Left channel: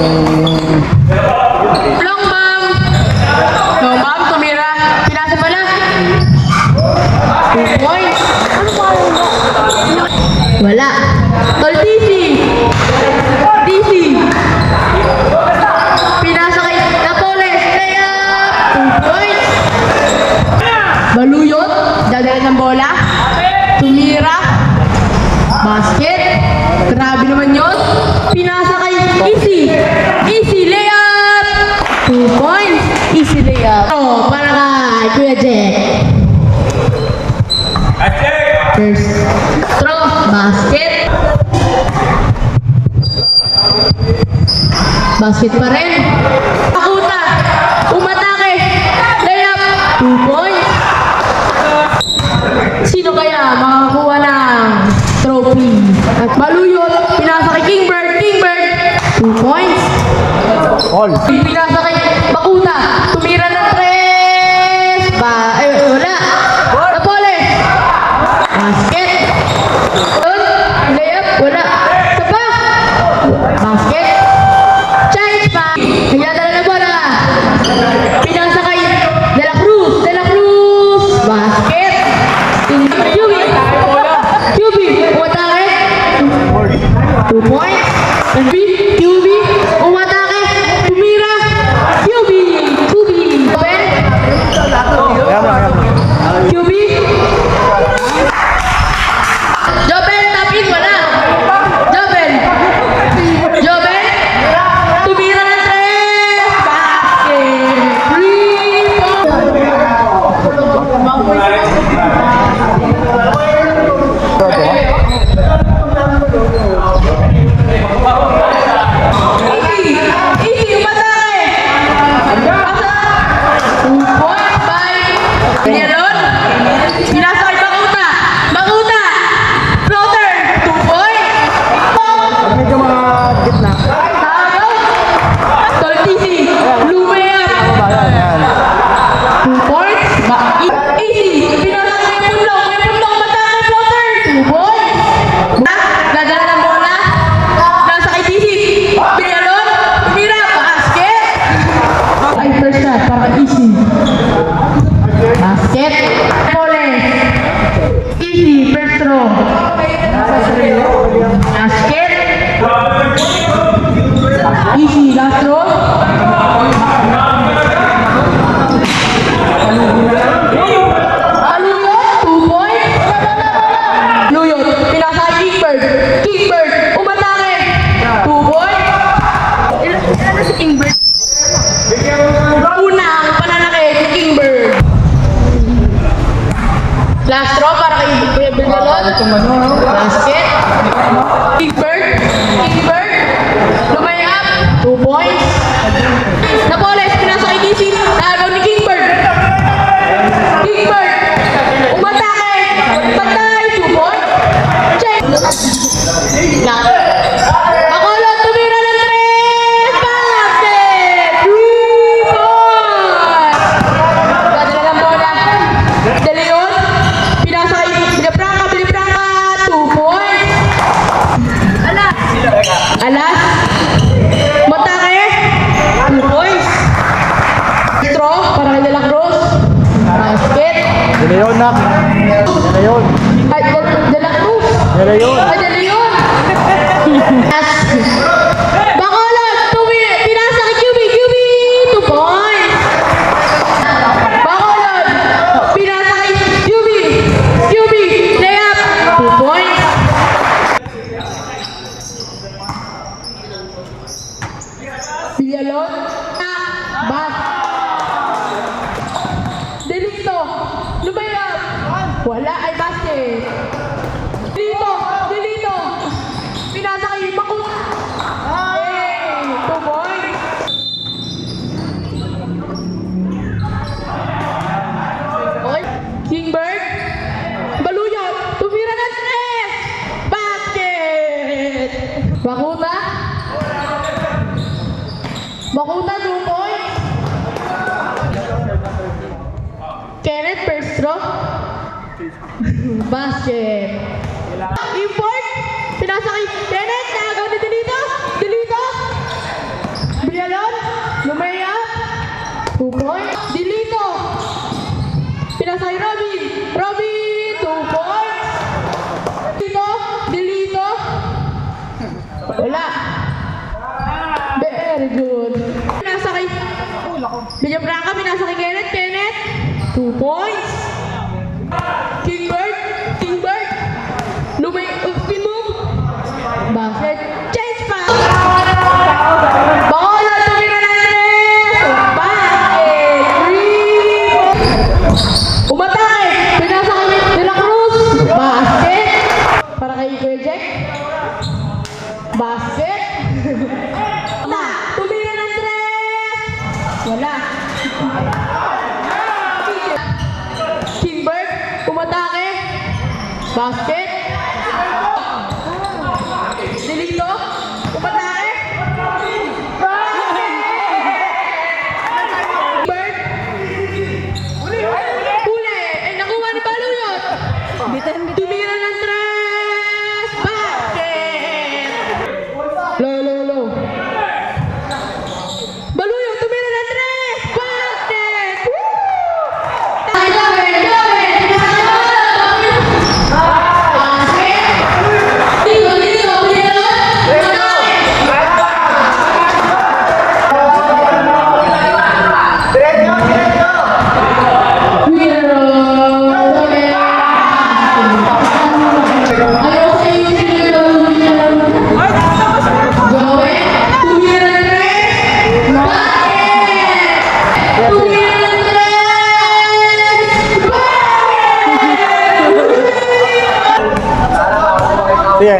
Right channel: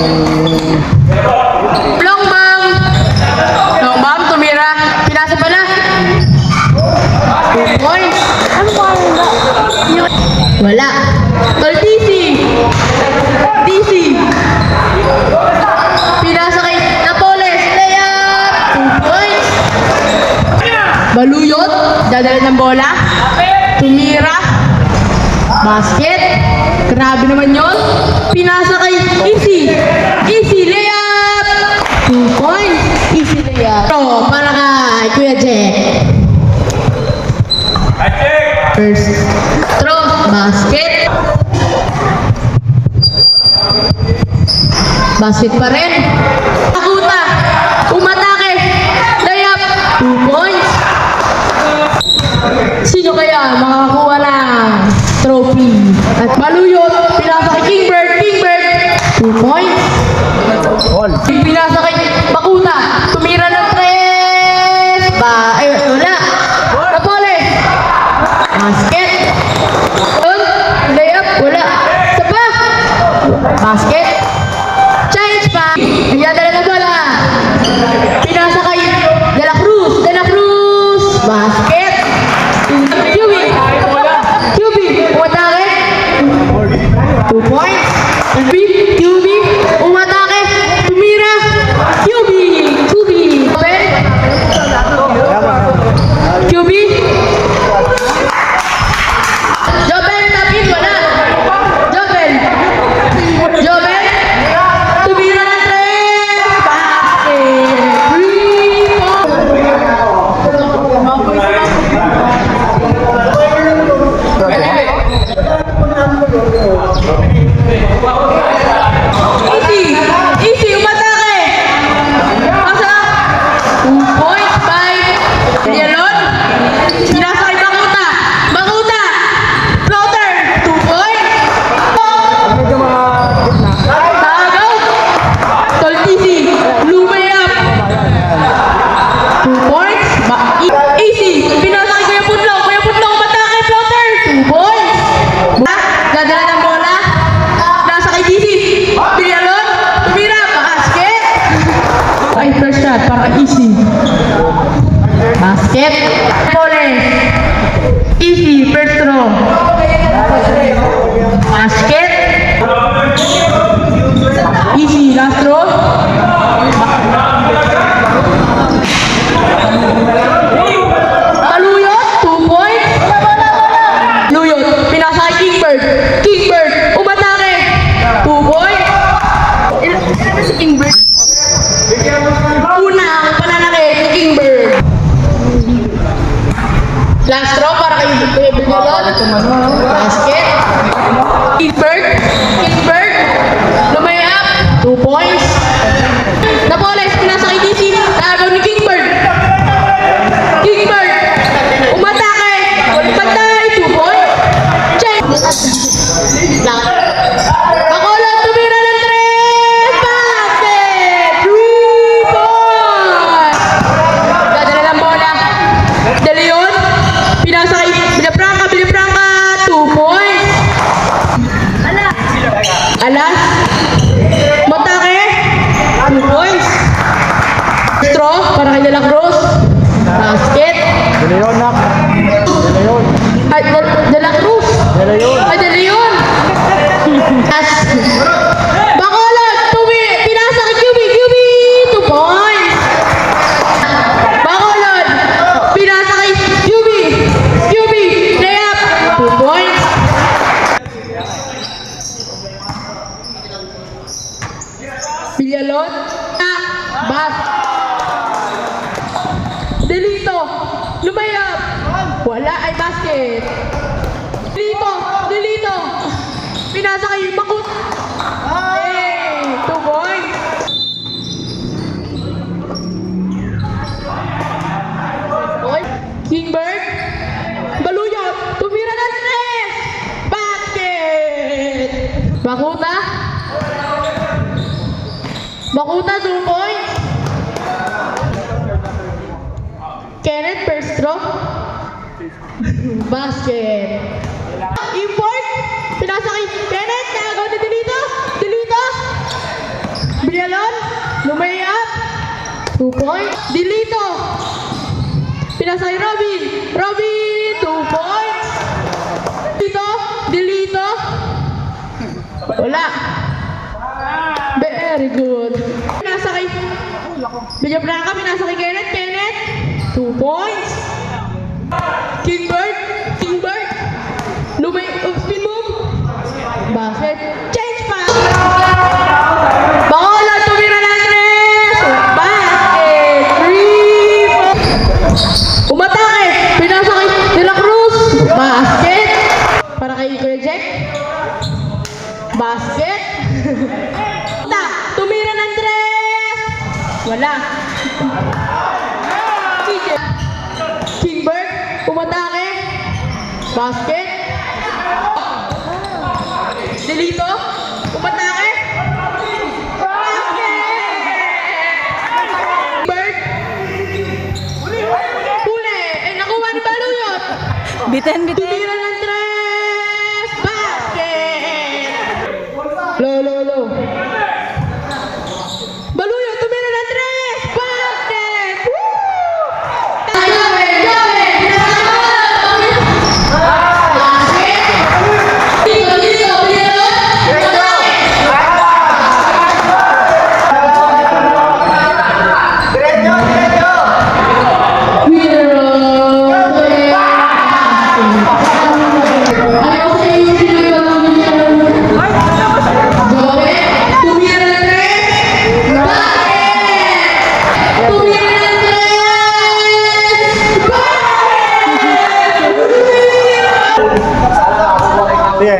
Long bomb! Long bomb, tumira. Pinasa pa na. 2 points. Ano ba? Wala. Tol DC. DC. Pinasa kay Napoles. Layup. 2 points. Baluyot. Dadala ng bola. Tumira. Basket. Grabe naman yun. Pinasa kay Easy. Easy layup. 2 points. Easy layup. So, para kay Kuya Jack. First throw. Basket. Basket pa rin. Pakuta. Umatake. Layup. 2 points. Sino kaya makakakuha ng trophy? At Baluyot, pinasa kay Kingbird. Kingbird, 2 points. Pinasa kay Bakuta, tumira ng 3. Wala. Napoles. Basket. Layup, wala. Sapa. Basket. Change pa. Nagdadala na bola. Pinasa kay De La Cruz. De La Cruz. Basket. QB, umatake. 2 points. QB, umatake. Tumira. QB. QB. Jobel, tapin, wala. Jobel. Tumira ng 3. Basket. 3 points. Easy, umatake. Asa? 2 points by Yalon. Pinasa kay Bakuta. Bakuta. Floater. 2 points. Tagaw. Tol Easy. Lumayap. 2 points. Easy. Pinasa kay Kuya Punlong. Kuya Punlong, umatake. Floater. 2 points. Dadala ng bola. Nasa kay DC. Pinalon. Tumira. Basket. Ay, first shot para Easy. Basket. Napoles. Easy. First throw. Basket. Easy. Last throw. Baluyot. 2 points. Baluyot. Pinasa kay Kingbird. Kingbird. Umatake. 2 points. Ilan si Kingbird? Unang pananakit ni Kingbird. Last throw para kay Kuya Bigalon. Basket. Kingbird. Lumayap. 2 points. Napoles. Pinasa kay DC. Tagaw ni Kingbird. Kingbird. Umatake. Patay. 2 points. Check. Bacolod, tumira ng 3. Basket. 3 points. Dadala ng bola. De Leon. Pinasa kay Villafranca. 2 points. Alas. Matake. 2 points. Straw para kay De La Cruz. Basket. Ay, De La Cruz. Ay, De Leon. Bacolod, pinasa kay QB. 2 points. Bacolod, pinasa kay QB. Layup. 2 points. Villalon. Bat. Delito. Lumayap. Wala ay basket. Delito. Pinasa kay Bakut. Hey, 2 points. Okay. Kingbird. Baluyot. Tumira ng 3. Basket. Bakuta. 2 points. Kenneth first throw. Basket. Import. Pinasa kay Kenneth. Tagaw ni Delito. points. Dilito. Pinasa kay Robin. Robin, 2 points. Dilito. Wala. Very good. Pinasa kay Villafranca, pinasa kay Kenneth. 2 points. Kingbird. Spin move. Basket. Change pass. Bacolod, tumira ng 3. Basket. 3. Umatake. Pinasa kay De La Cruz. Basket. Para kay Kuya Jack. Basket. Tumira ng 3. Wala. Kingbird. Umatake. Basket. Delito. Umatake. Bird. Huli. Ay, nakuha ni Baluyot. Bitin. Tumira ng 3. Basket. Low. Baluyot, tumira ng 3. Basket. Woo! Sige.